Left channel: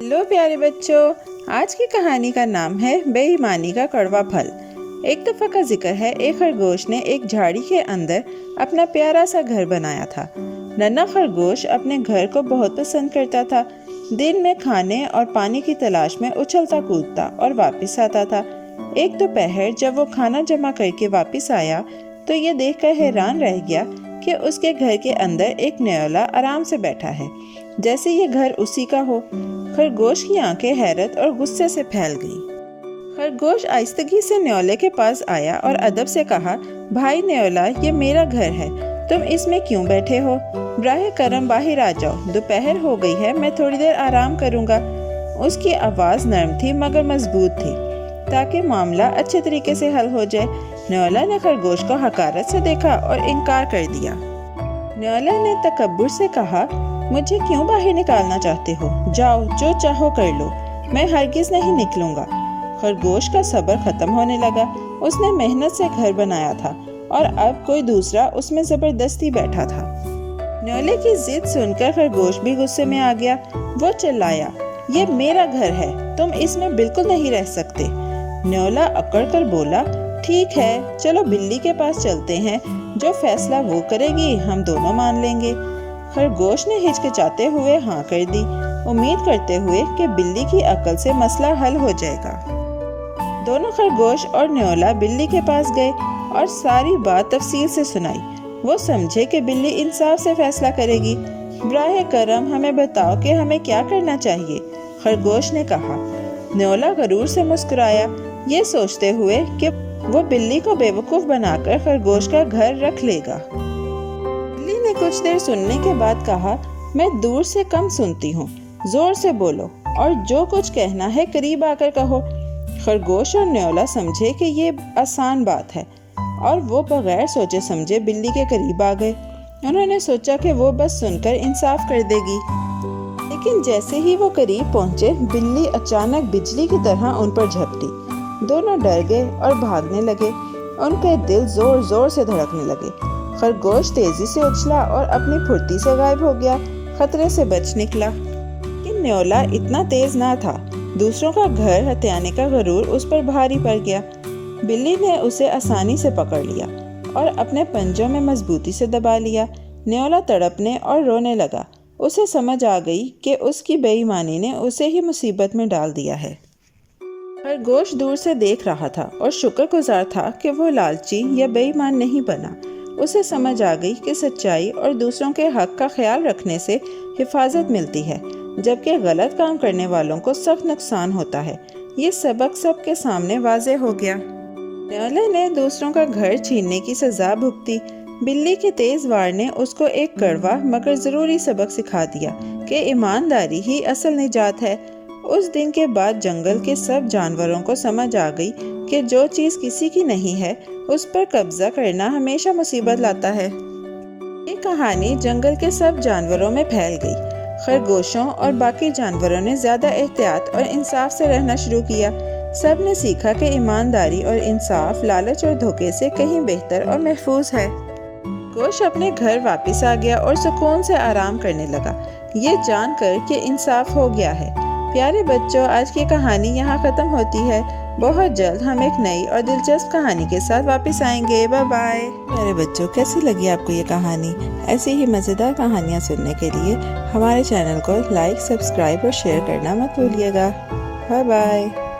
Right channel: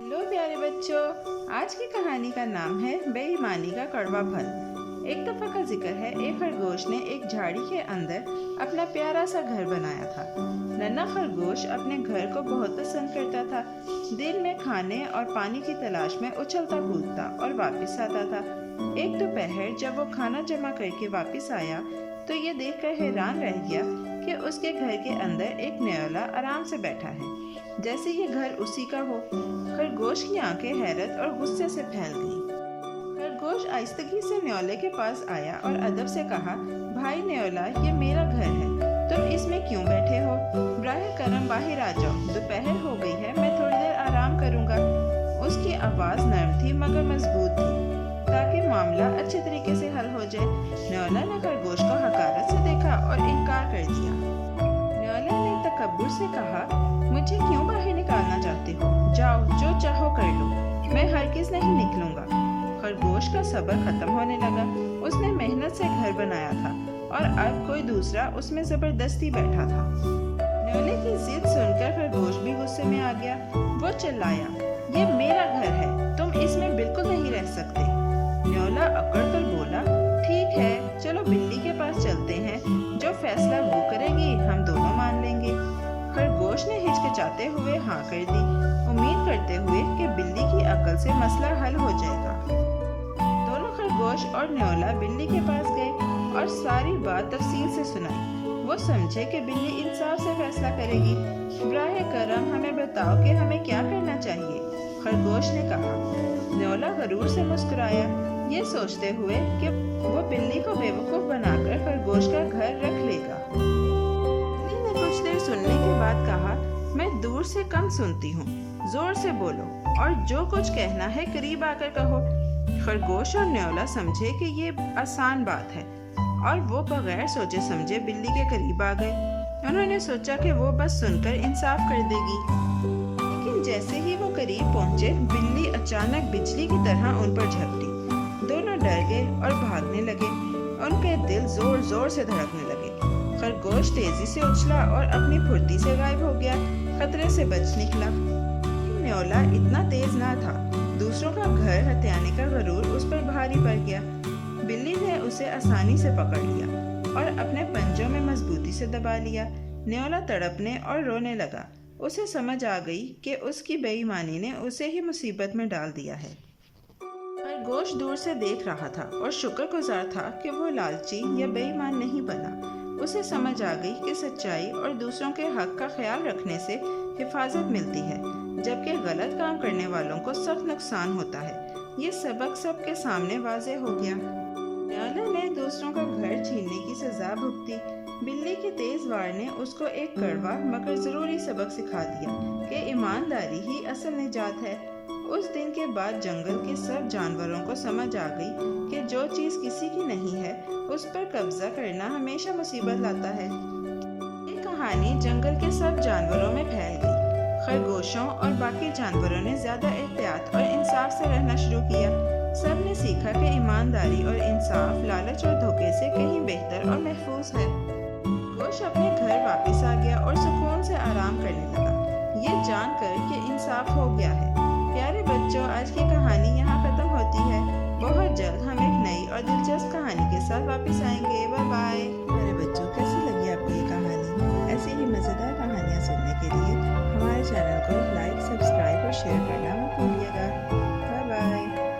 Hello प्यारे बच्चों, आज की कहानी का नाम है बेईमानी का कड़वा फल। एक दफा का जिक्र है, एक खरगोश ने एक झाड़ी के अंदर अपना प्यारा सा घर बनाया था। नन्हा खरगोश अपने घर को बहुत पसंद करता था। दिन में खाने और पानी की तलाश में उछलता कूदता और वापस आता था। एक दोपहर जब वो खाना जमा करके वापस आया तो ये देखकर हैरान रह गया कि उसके घर के अंदर एक न्योला आराम से बैठा है, जैसे ये घर उसी का हो। खरगोश की आंखें हैरत और गुस्से से फैल गईं। खरगोश आहिस्तगी से न्योले के पास आया और अदब से कहा, भाई न्योला, ये मेरा घर है, तुम इसमें क्यों बैठे हो? बराह करम बाहर आ जाओ, दोपहर हो गई है, मैं थोड़ी देर आराम करूंगा। उसकी आवाज़ नरम थी मगर मजबूत थी, ताकि मामला अच्छे तरीके से हल हो जाए। न्योला ने खरगोश को हकारत से देखा और इनकार कर दिया। न्योला ने तकब्बुर से कहा, मुझे क्यों बाहर निकालना चाहते हो? जाओ, जो चाहो कर लो, मैं हरगिज नहीं निकलूंगा। खरगोश का सब्र खत्म होने लगा। उसने मेहनत से घर बनाया था और अब कोई दूसरा उसमें जबरदस्ती बैठा था। न्योले की जिद सुनकर खरगोश भी गुस्से में आ गया। वो चिल्लाया, ये मेरा घर है, तुम इसमें बिल्कुल नहीं रह सकते। न्योला अकड़ कर बोला, ठीक है, चलो बिल्ली के पास चलते हैं, जो फैसला वो करेगी हम दोनों मान लेंगे। खरगोश ने हिचकिचाते हुए हाँ कर दी, उम्मीद करते हुए कि बिल्ली की अकल से मसला हल हो जाएगा। दोनों खरगोश और न्योला बिल्ली के पास गए और सारी बात तफसील से सुनाई। वो समझे कि बिल्ली इंसाफ से फैसला करेगी। बराह करम हमें बताओ कि हमें क्या करना चाहिए, खरगोश ने कहा। न्योला गरूर से मुस्कुराया, ये सोचते हुए कि वो बिल्ली को बेवकूफ़ बनाकर खरगोश का घर रख लेगा। बिल्ली ने कुछ देर सुनने के बाद कहा, मैं दूर से कम सुनती हूँ, जोर से बोलो और जो कुछ कहना है करीब आकर कहो। खरगोश और न्योला समझे कि ये आसान बात है और वो बगैर सोचे समझे बिल्ली के करीब आ गए। उन्होंने सोचा कि वो बस सुनकर इंसाफ कर देगी, लेकिन जैसे ही वो करीब पहुंचे, बिल्ली अचानक बिजली की तरह उन पर झपटी। दोनों डर गए और भागने लगे। उनके दिल जोर जोर से धड़कने लगे। खरगोश तेजी से उछला और अपनी फुर्ती से गायब हो गया, खतरे से बच निकला। लेकिन न्योला इतना तेज ना था। दूसरों का घर हथियाने का गरूर उस पर भारी पड़ गया। बिल्ली ने उसे आसानी से पकड़ लिया और अपने पंजों में मजबूती से दबा लिया। न्योला तड़पने और रोने लगा। उसे समझ आ गई कि उसकी बेईमानी ने उसे ही मुसीबत में डाल दिया है। खरगोश दूर से देख रहा था और शुक्रगुजार था कि वो लालची या बेईमान नहीं बना। उसे समझ आ गई कि सच्चाई और दूसरों के हक का ख्याल रखने से हिफाजत मिलती है, जबकि गलत काम करने वालों को सख्त नुकसान होता है। ये सबक सबके सामने वाज़े हो गया। न्योले ने दूसरों का घर छीनने की सजा भुगती। बिल्ली के तेज वार ने उसको एक कड़वा मगर ज़रूरी सबक सिखा दिया कि ईमानदारी ही असल निजात है। उस दिन के बाद जंगल के सब जानवरों को समझ आ गई कि जो चीज़ किसी की नहीं है उस पर कब्जा करना हमेशा मुसीबत लाता है। ये कहानी जंगल के सब जानवरों में फैल गई। खरगोशों और बाकी जानवरों ने ज़्यादा एहतियात और इंसाफ से रहना शुरू किया। सब ने सीखा कि ईमानदारी और इंसाफ लालच और धोखे से कहीं बेहतर और महफूज है। खरगोश अपने घर वापस आ गया और सुकून से आराम करने लगा, ये जानकर कि इंसाफ हो गया है। प्यारे बच्चों, आज की कहानी यहाँ ख़त्म होती है। बहुत जल्द हम एक नई और दिलचस्प कहानी के साथ वापस आएंगे। Bye bye. प्यारे बच्चों, कैसी लगी आपको ये कहानी? ऐसी ही मज़ेदार कहानियाँ सुनने के लिए हमारे चैनल को लाइक, सब्सक्राइब और शेयर करना मत भूलिएगा। Bye bye.